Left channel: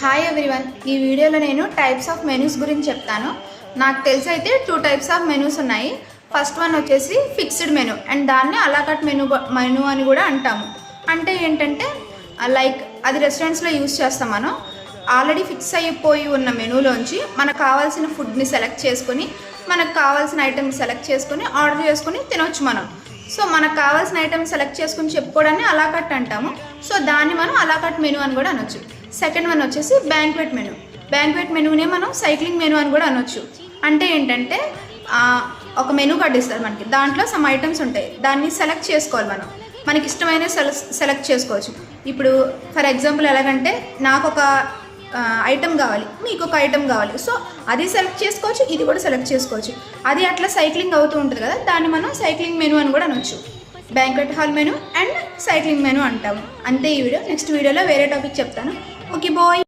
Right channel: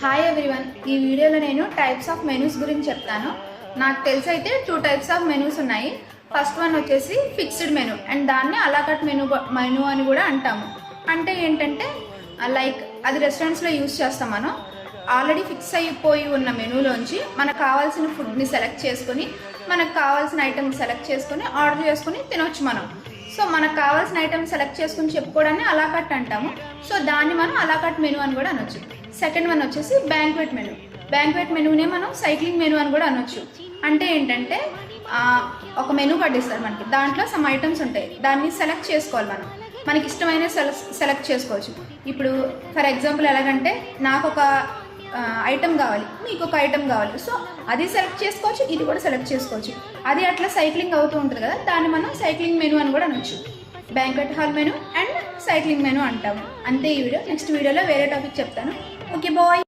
Hi everyone, ఈ వీడియోలో నేను టైప్స్ ఆఫ్ మెనూస్ గురించి చెప్తాను. నాకు తెలిసి అయితే 2 టైప్స్ ఆఫ్ మెనూస్ ఉన్నాయి. ఫస్ట్ వన్ వచ్చేసి ఫిక్స్డ్ మెనూ అండ్ దాన్ని అలాకట్ మెనూ అని కూడా అంటాము. అంటే ఏంటంటే లైక్ అది రెస్టారెంట్స్లో యూజ్ చేస్తాం. మనం ఆల్రెడీ ఫిక్స్ అయిపోయి ఉన్న మెనూలోంచి మనకు కావాల్సిన ఫుడ్ని సెలెక్ట్ చేసుకొని మనకు కావాల్సిన ఐటెం సెలెక్ట్ చేసుకొని ఆర్డర్ చేసుకొని తినొచ్చు మనం. సో మనకు కావాల్సిన ఐటమ్ సెలెక్ట్ చేసుకుని చెప్పుకోవడాన్ని అలాకట్ అంటాము. సో దాన్ని మనం అలాకట్ మెనూ అని కూడా అనొచ్చు. సెకండ్ వన్ వచ్చేసి బ్యాంక్వెట్ మెనూ. బ్యాంక్వెట్ మెనూనే మనం సైక్లింగ్ మెనూ అని కూడా అనొచ్చు. అంటే ఏంటంటే ఒక మెనూ కార్డు ఇస్తారు మనకి, దాంట్లో సమ్ ఐటమ్స్ ఉంటాయి, దాన్ని సెలెక్ట్ చేసుకోవాలి. మనకి ఇష్టమైన సెలెక్ట్ చేసుకోవచ్చు. ఇప్పుడు ఫర్ ఎగ్జాంపుల్ ఎలాగంటే నాకు ఒక ఐటమ్ కావాలి, మీకు ఒక ఐటమ్ కావాలి, సో అది సెలెక్ట్ చేసుకోవచ్చు, ఇది కూడా సెలెక్ట్ చేసుకోవచ్చు. అది అట్లా సైక్లింగ్ అవుతూ ఉంటుంది కదా, దాన్ని మనం సైక్లింగ్ మెనూ అని కూడా అనొచ్చు. Banquet hall menu and cycling menu అంటాము. అంతే ఈ వీడియో. నెక్స్ట్ వీడియోలో వేరే టాపిక్ చెప్తాను. Okay bye.